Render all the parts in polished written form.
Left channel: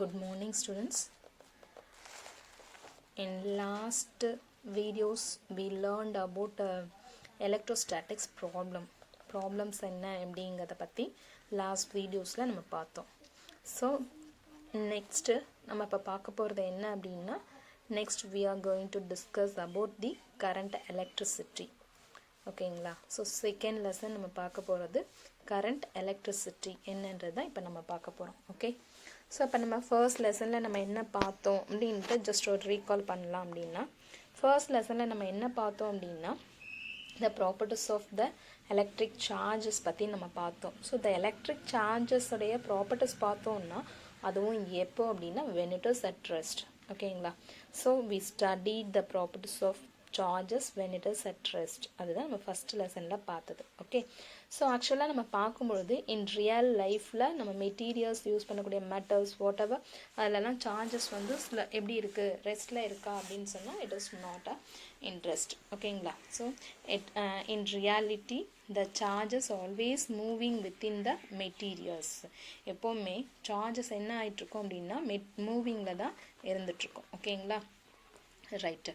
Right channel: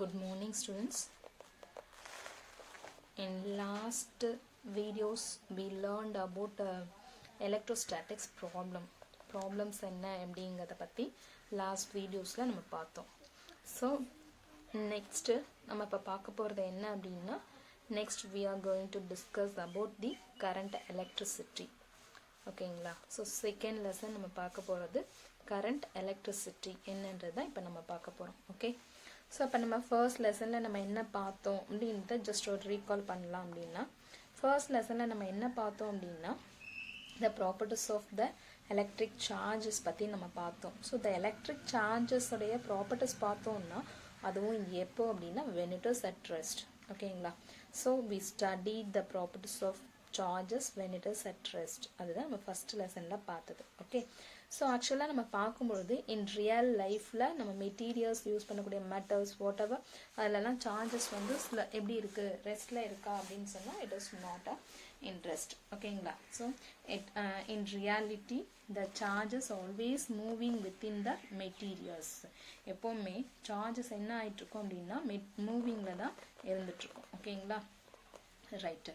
Good morning, students. In last videos we learned about electrostatics problems என்ன அப்படிங்கறத பத்தி last videosல நம்ம பார்த்தோம். So next நம்ம இப்ப பார்க்க போறது என்ன அப்படினா next we are going to discuss about the current electricity. ஓகேங்களா? So second lesson நம்ம பார்க்க போறது current electricity என்னன்றதை இப்ப நம்ம பார்க்க போறோம். ஓகே? So அப்ப நம்ம first lessonல நம்ம என்ன பார்த்தோம் அப்படினு just ஒரு recall பண்ணலாம் அப்படினா first lessonல நம்ம என்ன பார்த்தோம் அப்படினா the properties of the electric charges பத்தி நம்ம பார்த்தோம். So the electric charges உடைய properties பார்த்தோம்னா அதுவும் எப்போ அப்படினா when it is at rest. ஓகேங்களா? So we studied the properties of charges when it is at rest. அதுதான் நம்ம first lessonல பார்த்தது. ஓகே? So actually நம்ம பார்க்கும்போது in real lifeல நம்ம materials யூஸ் பண்ணக்கூடிய metals whatever அதெல்லாம் charges வந்து எப்படி இருக்கு ரெஸ்ட்ல இருக்கா அப்படினு சொன்னா it is not in rest. ஓகேங்களா? So in reality the charges always moving within the materials. எப்பவுமே charges என்ன ஆயிட்டு இருக்கும் அப்படினா மூவிங்ல தான் இருந்துட்டு இருக்கும். ஓகேங்களா? ரைட்.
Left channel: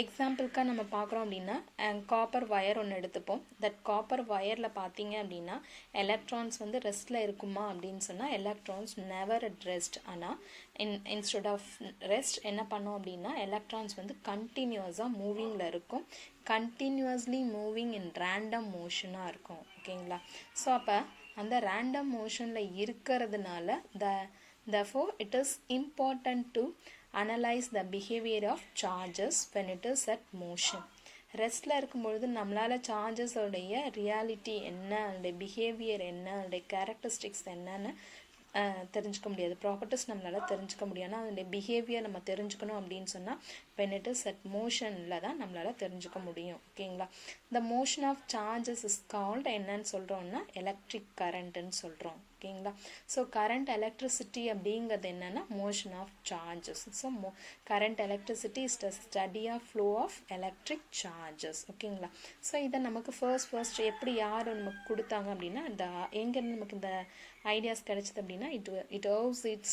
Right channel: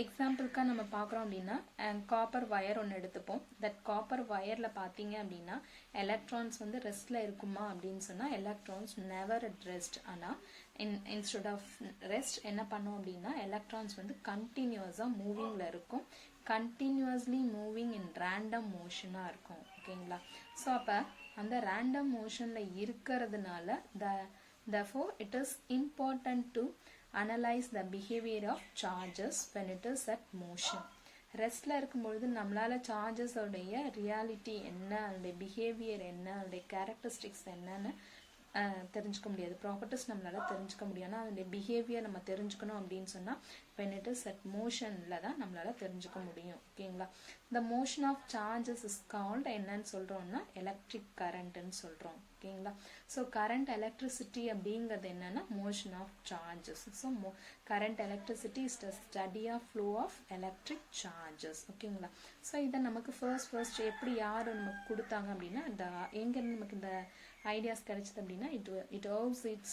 எக்ஸாம்பிள்க்கா நம்ம பார்க்குறோம் அப்படின்னா காப்பர் வயர் ஒன்று எடுத்துப்போம். தட் காப்பர் வயரில் பார்த்தீங்க அப்படின்னா எலக்ட்ரான்ஸ் வந்து ரெஸ்ட்டில் இருக்குமா அப்படின்னு சொன்னால் எலக்ட்ரான்ஸ் நெவர் அட் ரெஸ்ட். ஆனால் இன்ஸ்டெட் ஆஃப் ரெஸ்ட் என்ன பண்ணோம் அப்படின்னா எலக்ட்ரான்ஸ் வந்து கண்டினியூஸாக மூவிங்கில் இருக்கும். கண்டினியூஸ்லி மூவிங் இன் ரேண்டம் மோஷனாக இருக்கும். ஓகேங்களா? ஸோ அப்போ அந்த ரேண்டம் மோஷனில் இருக்கிறதுனால therefore it is important to analyze the behavior of charges when it is at motion. ரெஸ்ட்ல இருக்கும்பொழுது நம்மளால சார்ஜஸ் உடைய ரியாலிட்டி என்ன, அதோடைய பிஹேவியர் என்ன, அதோடைய கேரக்டரிஸ்டிக்ஸ் என்னன்னு தெரிஞ்சுக்க முடியாது. ப்ராப்பர்ட்டிஸ் நம்மளால தெரிஞ்சுக்க முடியும். ஆனால் அதோடைய பிஹேவியர் நம்ம தெரிஞ்சுக்கணும் அப்படின்னு சொன்னால் when it is at motionல தான் நம்மளால தெரிஞ்சுக்க முடியும். ஓகேங்களா? the motion of charges is called என்னன்னு சொல்றோம்னா electric currentன்னு சொல்றோம். ஓகேங்களா? ஸோ கரண்ட் எலக்ட்ரிசிட்டி அப்படிங்கிறது என்னன்னா motion of charges. So current electricity is the study of flow of electric charges. ஓகேங்களா? ஸோ இதை நமக்கு ஃபர்ஸ்ட் எப்படி யார் நமக்கு கொடுத்தாங்க அப்படின்னா எங்கேருந்து நமக்கு இந்த ஐடியாஸ் கிடைச்சது அப்படின்னா it owes its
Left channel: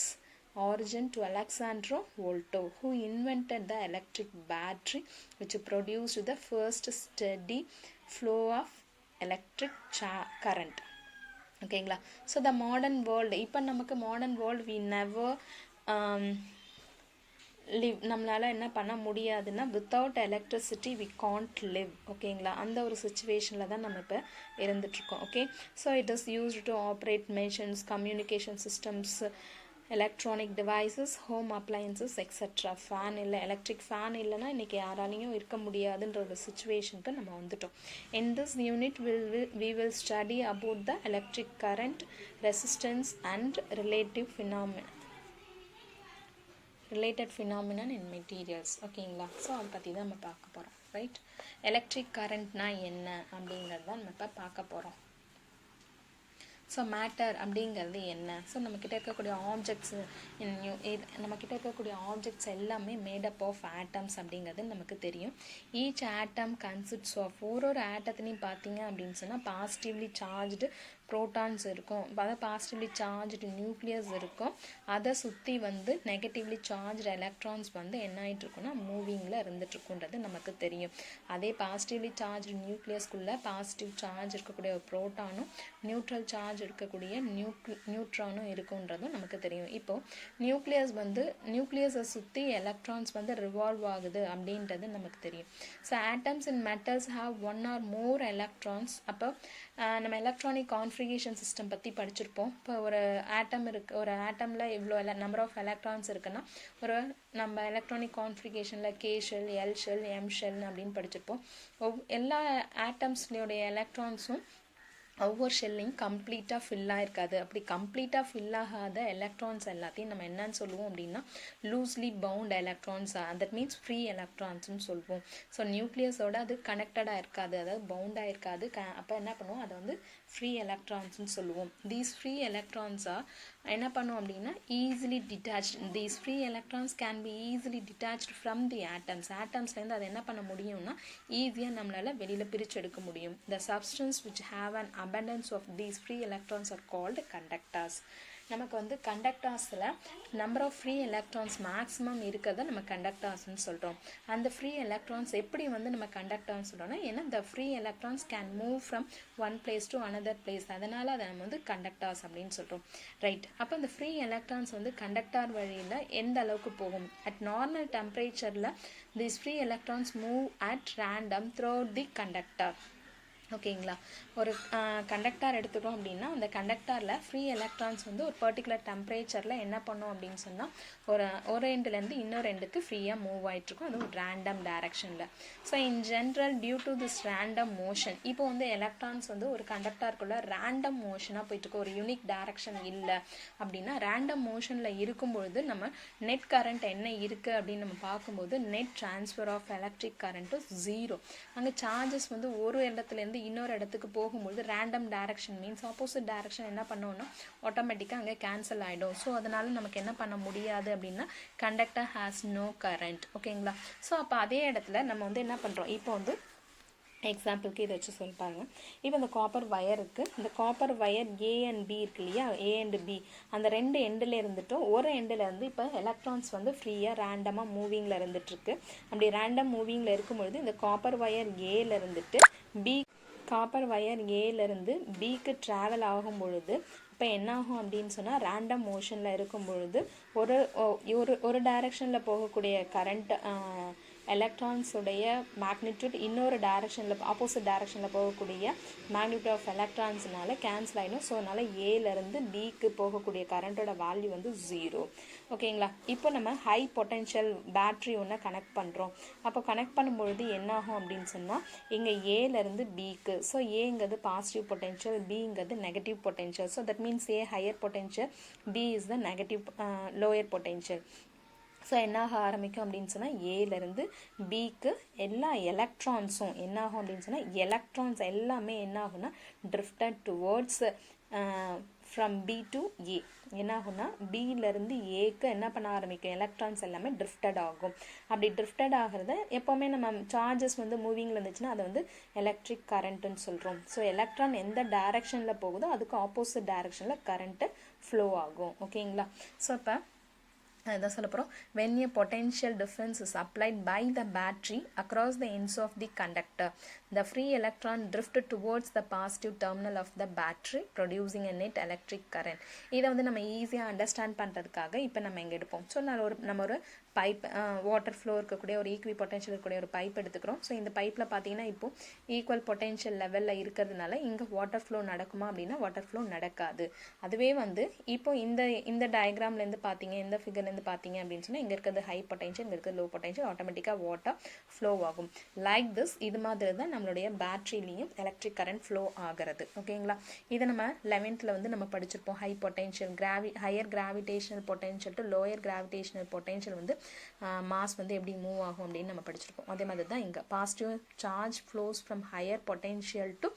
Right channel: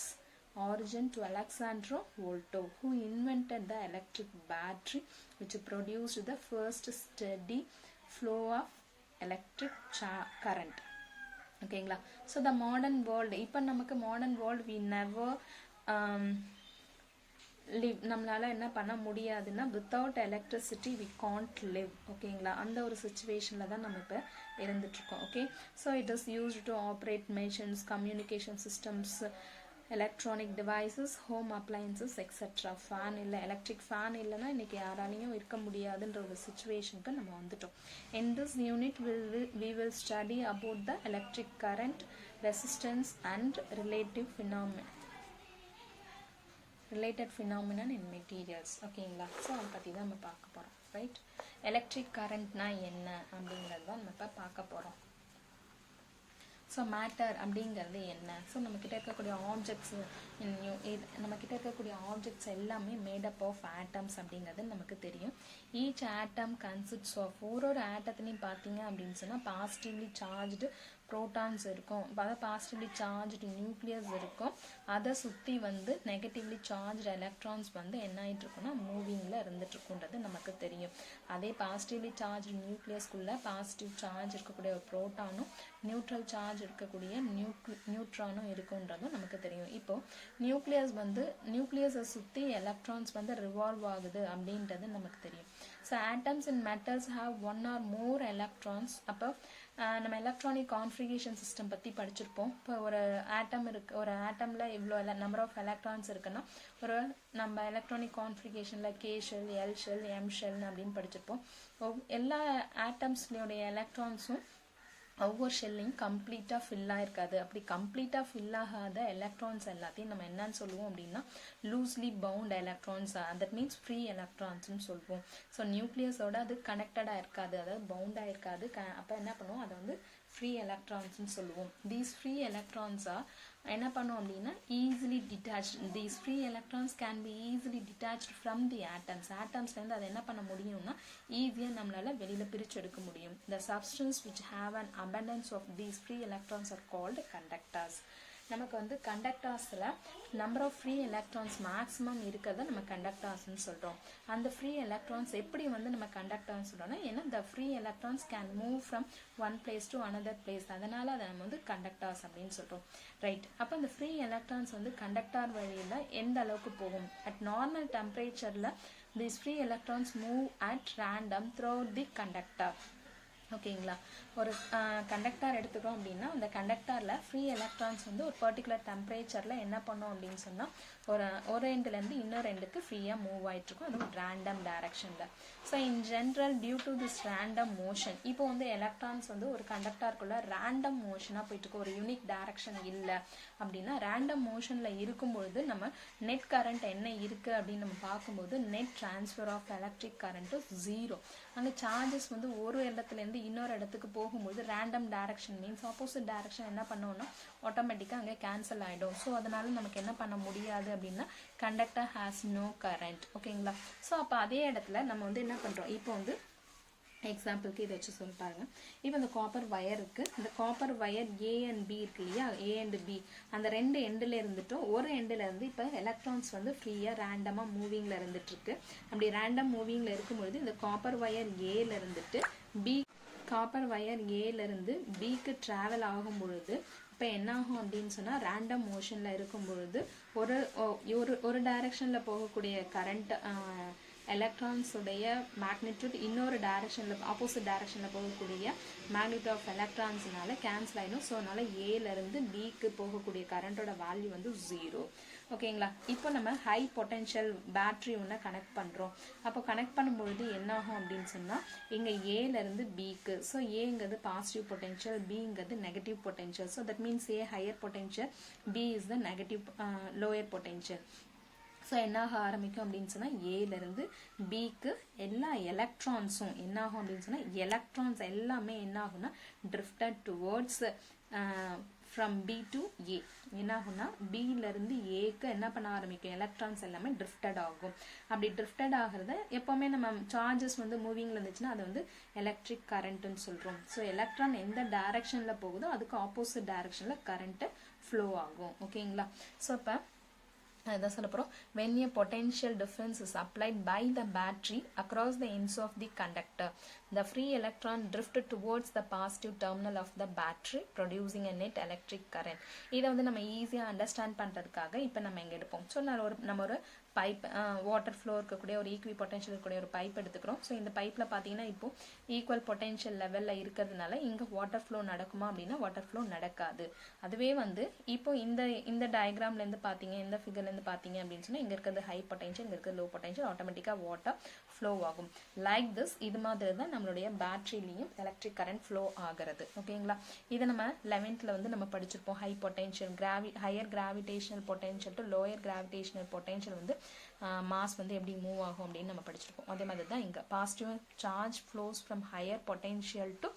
origin to Alexandro Volta, who invented the electric battery which produced the first steady flow of electric current. ஓகேங்களா? ஸோ த மாடர்ன் வேர்ல்டு இப்போ நமக்கு modern world we never live நம்மளால என்ன பண்ண முடியாதுன்னா without electricity we can't live. ஓகேங்களா? அந்த ஒரு சுச்சுவேஷனில் தான் நம்ம இப்போ இருந்துட்டுருக்கோம். Okay? So it is used to operate machines, communication systems, electronic devices, home appliances etcetera. Fan இல்லை, எலக்ட்ரிக் ஃபேன் இல்லைன்னா இன்றைக்கி யாராலையும் இருக்க முடியாதுன்ற ஒரு சுச்சுவேஷனுக்கு நம்ம வந்துட்டோம். In this unit we will study about the electric current, resistance and related phenomenon in materials. ஓகேங்களா? ஸோ அதை பற்றி தான் நம்ம பார்க்க போகிறோம். ரைட்? எலக்ட்ரிக் கரண்ட்னா என்ன அப்படிங்கிறது தான் நம்ம இப்போ பார்க்க போகிறோம். ஸோ மேட்டர் அப்படிங்கிறது என்ன? ஸோ நம்மக்கிட்ட இருக்கக்கூடிய ஆப்ஜெக்ட்ஸ் எல்லாமே மேடப் ஆஃப் ஆட்டம்ஸ் அப்படிங்கிறது நமக்கு தெரியும். ஈச் ஆட்டம் கன்சிஸ்ட்ஸ் ஆஃப் ஒரு ஆட்டத்துலையும் பார்த்தீங்க அப்படின்னு சொன்னால் பாசிட்டிவ்லி சார்ஜ்டு ப்ரோட்டான்ஸ் இருக்கும், அதாவது பாசிட்டிவ்லி சார்ஜ்டு நியூக்ளியஸ் இருக்கும். அதை சுற்றி வந்து நெகட்டிவ்லி சார்ஜ்டு எலக்ட்ரான்ஸ் வந்து என்ன ஆகிட்டு இருக்குன்னா மூவிங்கில் இருந்துட்டுருக்குன்றது நமக்கு தெரியும். அதே பாசிட்டிவ்லி சார்ஜ்டு நியூக்ளியஸ்குள்ளே பாசிட்டிவ் சார்ஜ் இருக்கக்கூடிய ப்ரோட்டானும் நியூட்ரல் சார்ஜ் இருக்கக்கூடிய நியூட்ரானும் இருக்குன்றதும் நமக்கு தெரியும். இப்போ நியூக்ளியஸை சுற்றி எலக்ட்ரான்ஸ் வந்து ரிவால்வ் ஆகுது அப்படின்றது நமக்கு தெரியும். So atoms in metals have one or more electrons. அப்போ நம்ம எலக்ட்ரானிக் கான்ஃபிகரேஷன் சிஸ்டம் பற்றி படிச்சிருப்போம். இப்போ ஒரு ஆட்டம் இருக்குது, ஒரு ஆட்டமில் இவ்வளோ நம்பர் ஆஃப் எலக்ட்ரான்ஸ் இருக்குன்னா நம்ம எலக்ட்ரானிக் கான்ஃபிகரேஷனில் K shell, L shell, M shell அப்படின்னு படிச்சிருப்போம். எல்லா ஆட்டம்ஸ்லையோடைய எலக்ட்ரான்ஸும் ஒவ்வொரு ஷெல்லையும் கம்ப்ளீட்டாக ஃபில் ஆகிருக்காது. அப்படி கம்ப்ளீட்டாக ஃபில் ஆகாத எலக்ட்ரான்ஸ் எல்லாத்தையும் நம்ம என்னன்னு சொல்லுவோம் அப்படின்னா loosely bound electrons, that means free எலக்ட்ரான்ஸ்னு சொல்லுவோம். ஸோ நியூக்ளியஸோட அது கனெக்டடாக இருக்காது, அதாவது பவுண்டாக இருக்காது. அப்போ என்ன பண்ணுவோம், அதை வந்து ஃப்ரீ எலக்ட்ரான்ஸ்னு சொல்லுவோம். தீஸ் ஃப்ரீ எலக்ட்ரான்ஸாக என்ன பண்ணுவோம் அப்படின்னா easily detached. These free electrons can be easily detached from the atoms. ஆட்டம்ஸ்லேருந்து அதை என்ன பண்ண முடியும்னா ஈஸியாக நம்மளால் வெளியில் பிரித்து எடுக்க முடியும். The substance which have an abundance of these free electrons are called conductors. நமக்கு வந்து கண்டக்டார்ஸில் number of free electrons maximum இருக்கிறத நம்ம கண்டக்டார்ஸ்னு சொல்கிறோம். அந்த ஃப்ரீ எலக்ட்ரான்ஸ் எப்படி வந்து நம்ம கண்டக்டார்ஸ் சொல்கிறோம்னா, ஏன்னா the free electrons can move from one place to another place, அதனால் அதை நம்ம வந்து கண்டக்டார்ஸ் அப்படின்னு சொல்கிறோம். ரைட். அப்போ இந்த ஃப்ரீ எலக்ட்ரான்ஸ் வந்து கண்டக்டார் வழியில் எந்த அளவுக்கு போகும்? அட் நார்மல் டெம்பரேச்சரில் these free electrons move at random throughout the conductor. ஓகேங்களா? ஒரு கண்டக்டார் எடுத்துக்கிறோம் அப்படின்னா அந்த கண்டக்டாரில் ஃப்ரீ எலக்ட்ரான்ஸ் வந்து ஒரு பர்டிகுலர் டெம்பரேச்சரில் என்ன பண்ணோம் அப்படின்னு சொன்னால் ஒரு எண்டுலேருந்து இன்னொரு எண்டுக்கு ஃப்ரீயாக மூவ் ஆகிட்ருக்கும், அது ஒரு ரேண்டம் டைரக்ஷனில். So in general due to this random motion, இப்போ வந்து எலக்ட்ரான்ஸ் வந்து ஒரு கண்டக்டாருக்குள்ளே ரேண்டம் மோஷனாக போயிட்டுருக்கு, ஒரு யூனிக் டைரக்ஷன் இல்லை அப்படின்னா ரேண்டம் மோஷனில் இருக்கும்பொழுது நம்ம நெட் கரண்ட் என்ன இருக்குது அப்படின்னு நம்ம பார்க்கும்போது net transfer of electric current 0. அங்கே சார்ஜஸ் வந்து ஒரு இடத்துலேருந்து இன்னொரு இடத்துக்கு போகும்போது random direction means opposite direction என்ன பண்ணோம்னா ஆட்டோமேட்டிக்காக அங்கே கேன்சல் ஆகிடும். ஸோ அதனால நமக்கு என்ன பண்ண முடியாது அப்படின்னா கண்டக்டர் ஹேஸ் நோ கரண்ட். ஓகேங்களா? ஸோ அப்போ அதே இடத்துல நம்ம வந்து என்ன பண்ணுறோம், இப்போ வந்து எக்ஸாம்பிளுக்கு இதை வச்சு சொல்லி பாருங்க. இப்போ இந்த காப்பர் வயர் இருக்குது, இந்த copper wire A and B இருக்கு இல்லையா, ஏ அண்ட் பி, அந்த ரெண்டு எண்டில் இருந்துட்டும் ஒரு எண்டில் இருந்து இப்போ எலக்ட்ரான்ஸ் வந்து ஃப்ரீயாக ரேண்டமாக மூவிங்கில் இருந்துகிட்ருக்கு. அப்படி ரேண்டம் மூவிங்கில் இருக்கும்பொழுது இந்த காப்பர் வயர் ஏல இருந்துட்டு காப்பர் வயர் ஏலேருந்து பிக்கு ட்ராவல் ஆகும் பொழுது இப்போ என்ன ஆகும் அப்படின்னு சொன்னால் ரேண்டம் மோஷனில் இருக்கும் பொழுது ஒரு டைரக்ஷனில் போகக்கூடிய கரண்ட் எலக்ட்ரான்ஸுடைய மேக்னிடியூட் இன்னொரு டைரக்ஷனில் ஆப்போசிட் டைரக்ஷனில் போகக்கூடிய மேக்னிடியூட் ஆஃப் எலக்ட்ரான்ஸ்னால கேன்சல் ஆகிடும். ஸோ அதனால் ஏலேருந்து பிக்கு போகக்கூடிய கரண்ட்டோட வேல்யூ வந்து 0. ஓகேங்களா? இப்போ நம்ம ஹை பொட்டென்ஷியல் பேட்ரி ஒன்று கனெக்ட் பண்ணுறோம். அப்போ கனெக்ட் பண்ணும்பொழுது என்ன ஆகும் அப்படின்னு சொன்னால் இங்கே ஏலேருந்து பிக்கு, ஸோ ஏங்கிறது பாசிட்டிவ் பொட்டென்ஷியல், பிங்கிறது negative potential. So that means A higher potential, B is the negative lower potential. So என்னாக ஆரம்பிக்கும் அப்படின்னு சொன்னால் ஏலேருந்து பிக்கு எல்லா எலக்ட்ரான்ஸும் என்ன ஆகும் அப்படின்னு சொன்னால் எலக்ட்ரான்ஸ் எல்லாமே என்ன ஆகும்னா drifted towards from B to A. என்ன ஆகும்னா பியிலேருந்து ஏக்கு என்ன பண்ண ஆரம்பிக்கும், எலக்ட்ரான்ஸ் எல்லாமே ட்ரிஃப்டட் ஆகும். அப்படி ட்ரிஃப்டட் ஆகிறத எப்போவுமே நம்ம சார்ஜஸ் வந்து மூவிங்கில் இருந்துச்சுன்னா அதை வந்து எலக்ட்ரிக் கரண்ட்டுன்னு சொல்கிறோம். ஸோ எலக்ட்ரான் எந்த டைரக்ஷனில் போகுதோ அதுக்கு ஆப்போசிட் டைரக்ஷனில் கரண்ட்டு ஃப்ளோ ஆகும். ஓகேங்களா? ஸோ இப்போ இதான் சொல்ல போகிறோம். when a potential difference is applied by the battery across the ends of the conductor, the free electron drift towards the positive terminal of the battery producing a net electric current. இதை வந்து நம்ம ஈஸியாக understand பண்ணுறதுக்காக இப்போ நம்ம எங்கே எடுப்போம். So நம்ம ஒரு பைப் வாட்டர் ஃப்ளோ இருக்கக்கூடிய ஒரு ஈக்வி பொட்டென்ஷியல் இருக்கக்கூடிய ஒரு பைப் எடுத்துக்கிறோம். ஸோ இந்த பைப்பில் பார்த்தீங்கன்னா இப்போ ஈக்குவல் பொட்டென்ஷியல் லெவலில் இருக்கிறதுனால இங்கே வாட்டர் ஃப்ளோ நடக்குமா அப்படின்னா வாட்டர் ஃப்ளோ நடக்காது. அதுவே வந்து இப்போ இந்த டயக்ராம்லேருந்து பார்த்தீங்க, இந்த ஃபிகர்லேருந்து பார்த்தீங்க அப்படின்னு சொன்னால் இங்கே இருக்கிறது ஹை பொட்டென்ஷியல், இங்கே இருக்கிறது லோ பொட்டென்ஷியல், ஆட்டோமேட்டிக்காக வாட்டர் ஃப்ளோ ஆகும். லைக் திஸ் இது மாதிரி தான் நம்மளுடைய பேட்டரிலையும் எலக்ட்ரிக் கரண்ட் ஃப்ளோ ஆகிறது. ஓகேங்களா? இதை நம்ம 11th வந்து நம்ம படிச்சிருப்போம். High potential higher gravitational potential to lower gravitational potential வந்து மாஸ் வந்து எப்படி மூவ் ஆகும் அப்படின்னு நம்ம படிச்சிருக்கோம். அதே மாதிரி தான் இங்கே positive charge flows from higher potential to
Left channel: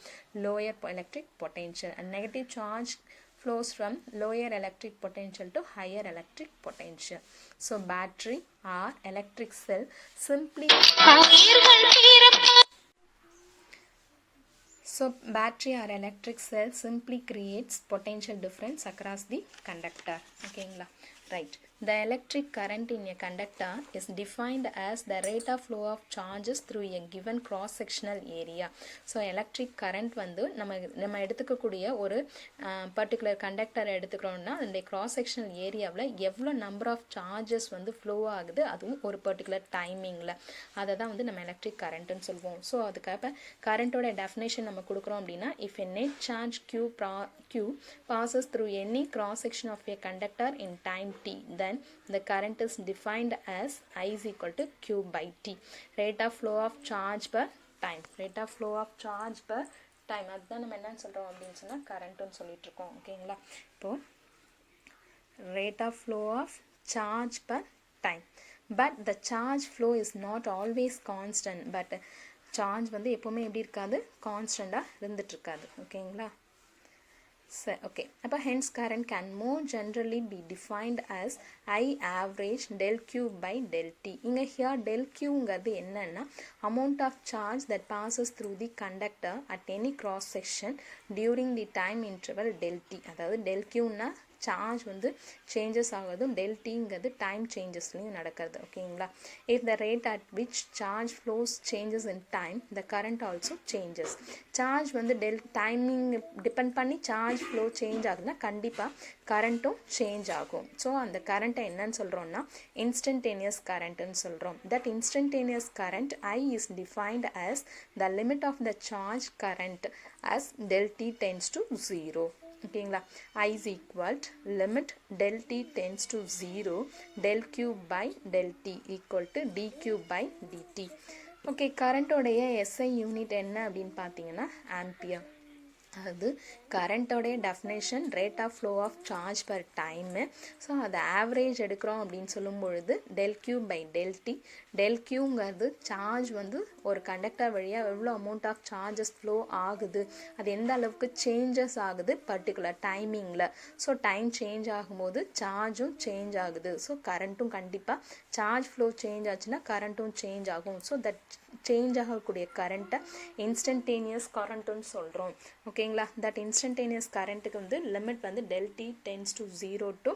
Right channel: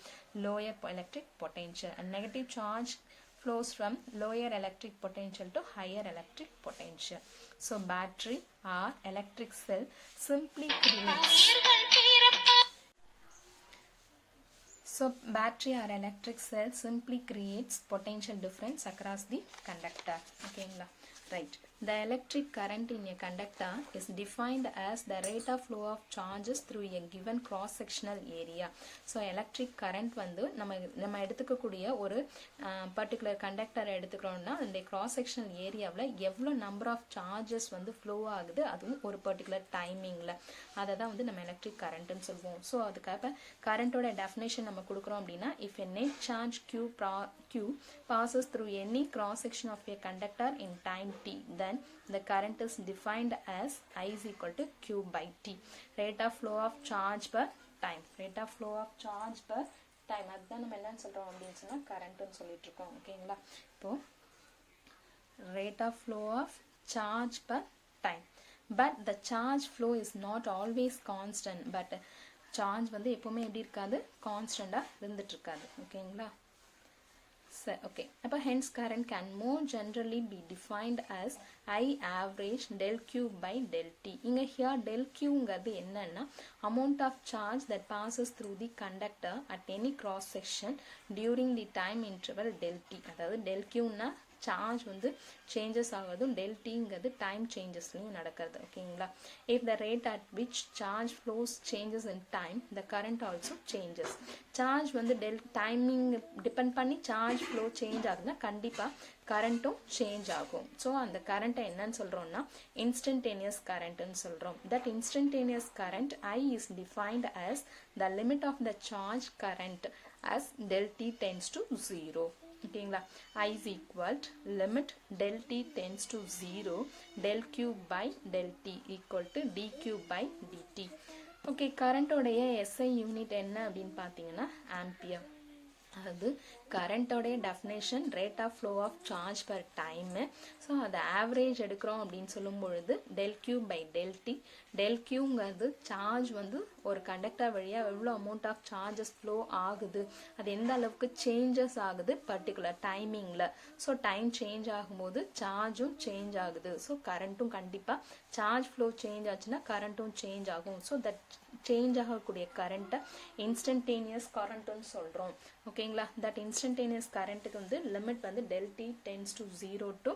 lower electric potential and negative charge flows from lower electric potential to higher electric potential. So battery or electric cell simply creates potential difference across the conductor. Okay, right. The electric current in a conductor is defined as the rate of flow of charges through a given cross-sectional area. So electric current வந்து நம்ம எடுத்துக்கக்கூடிய ஒரு particular கண்டக்டரை எடுத்துக்கிறோம்னா அந்த cross-sectional ஏரியாவில் எவ்வளோ number of charges வந்து flow ஆகுது அதுவும் ஒரு பர்டிகுலர் டைமிங்கில், அதை தான் வந்து நம்ம எலக்ட்ரிக் கரண்ட்டுன்னு சொல்லுவோம். ஸோ அதுக்காக கரண்ட்டோட டெஃபினேஷன் நம்ம கொடுக்குறோம் அப்படின்னா if a net charge Q passes through any cross-section of a conductor in time t, then the current is defined as I is equal to Q by T. Rate of flow of charge per time. Rate of flow of charge per time. அதுதான் நம்ம என்னன்னு சொல்கிறோம் அப்படின்னு சொன்னால் கரண்ட்டுன்னு சொல்லிட்டு இருக்கோம். ஓகேங்களா? இப்போ rate of flow of charge per time. But the charge flow is not always constant. But charge வந்து எப்போவுமே எப்படி இருக்காது, கான்ஸ்டண்ட்டாக இருந்துட்டு இருக்காது. ஓகேங்களா? So, okay. Hence current can more generally be defined as I average del Q by del T. Here del Q ங்கிறது என்னன்னா amount of charge that passes through the conductor at any cross section during the time interval del T. அதாவது del Q னா charge வந்து changes ஆகுதும் del tங்கிறது time சேஞ்சஸ்லையும் நடக்கிறது ஓகேங்களா. if the rate at which charge flows changes in time the current also changes. Charge வந்து timing depend பண்ணி charge flow change ஆகுதுன்னா கண்டிப்பாக கரண்ட்டும் சேஞ்ச் ஆகும். ஸோ அந்த கரண்ட்டை என்னன்னு சொல்கிறோம்னா இன்ஸ்டன்டேனியஸ் கரண்ட்னு சொல்கிறோம். That instantaneous current I is defined as the limit of the charge current as del t tends to 0. ஓகேங்களா. I is equal to limit del t tends to 0 del q by del t equal to dq by dt. Okay, கரண்ட்டோடைய SI unit என்ன அப்படின்னு பார்த்தீங்கன்னா ampere. அது கரண்ட்டோடைய definition rate of flow of charge per time. So அது average எடுக்கிறோம் அப்படின்னு சொல்லும் பொழுது del q by del t. del qங்கிறது சார்ஜ் வந்து ஒரு கண்டக்டர் வழியாக எவ்வளோ அமௌண்ட் ஆஃப் சார்ஜஸ் ஃப்ளோ ஆகுது, அது எந்த அளவுக்கு சேஞ்சஸ் ஆகுது பர்டிகுலர் டைமிங்கில். ஸோ டைம் சேஞ்ச் ஆகும்போது சார்ஜும் சேஞ்ச் ஆகுது. ஸோ கரண்ட்டும் கண்டிப்பாக சார்ஜ் ஃப்ளோ சேஞ்ச் ஆச்சுன்னா கரண்ட்டும் சேஞ்ச் ஆகும். ஸோ தட் சேஞ்ச் ஆகக்கூடிய கரண்ட்டை இன்ஸ்டன்டேனியஸ் கரண்ட்டுன்னு சொல்கிறோம் ஓகேங்களா. தட் இன்ஸ்டன்டேனியஸ் கரண்ட்டுக்கு வந்து லிமிட் வந்து del t tends to 0 to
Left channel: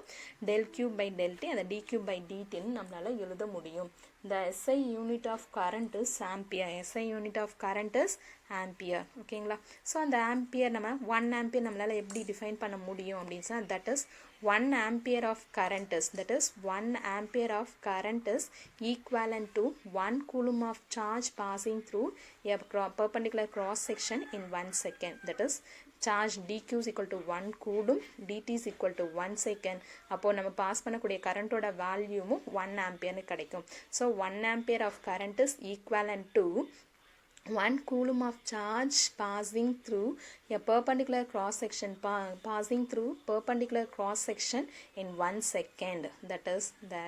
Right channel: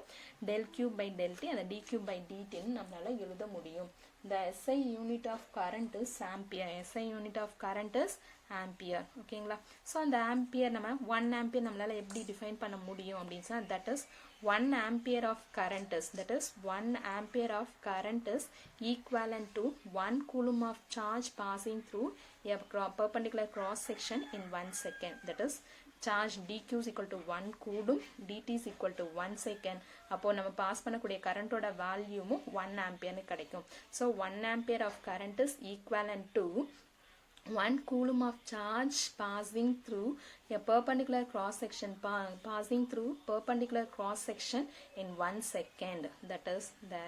del q by del t அந்த dq by dtன்னு நம்மளால் எழுத முடியும். The SI unit of current is ampere. SI unit of current is ampere ஓகேங்களா. ஸோ அந்த ஆம்பியர் நம்ம 1 ஆம்பியர் நம்மளால் எப்படி டிஃபைன் பண்ண முடியும் அப்படின்னு சொன்னால் that is 1 ampere of current is, that is 1 ampere of current is equivalent to 1 coulomb of charge passing through a perpendicular cross section in 1 second. That is charge dq is equal to 1 coulomb, dt is equal to 1 second. அப்போ நம்ம pass பண்ணக்கூடிய கரண்டோட வேல்யூமும் 1 ஆம்பியர்னு கிடைக்கும். So 1 ampere of current is equivalent to 1 coulomb of charge passing through a perpendicular cross section passing through perpendicular cross section in 1 second. That is the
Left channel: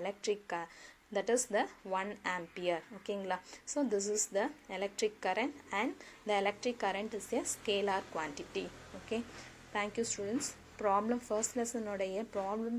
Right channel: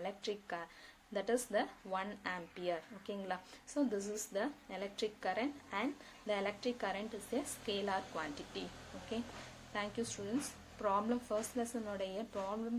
that is the 1 ampere ஓகேங்களா. So this is the electric current and the electric current is a scalar quantity. Okay, thank you students. Problem first lesson உடைய problem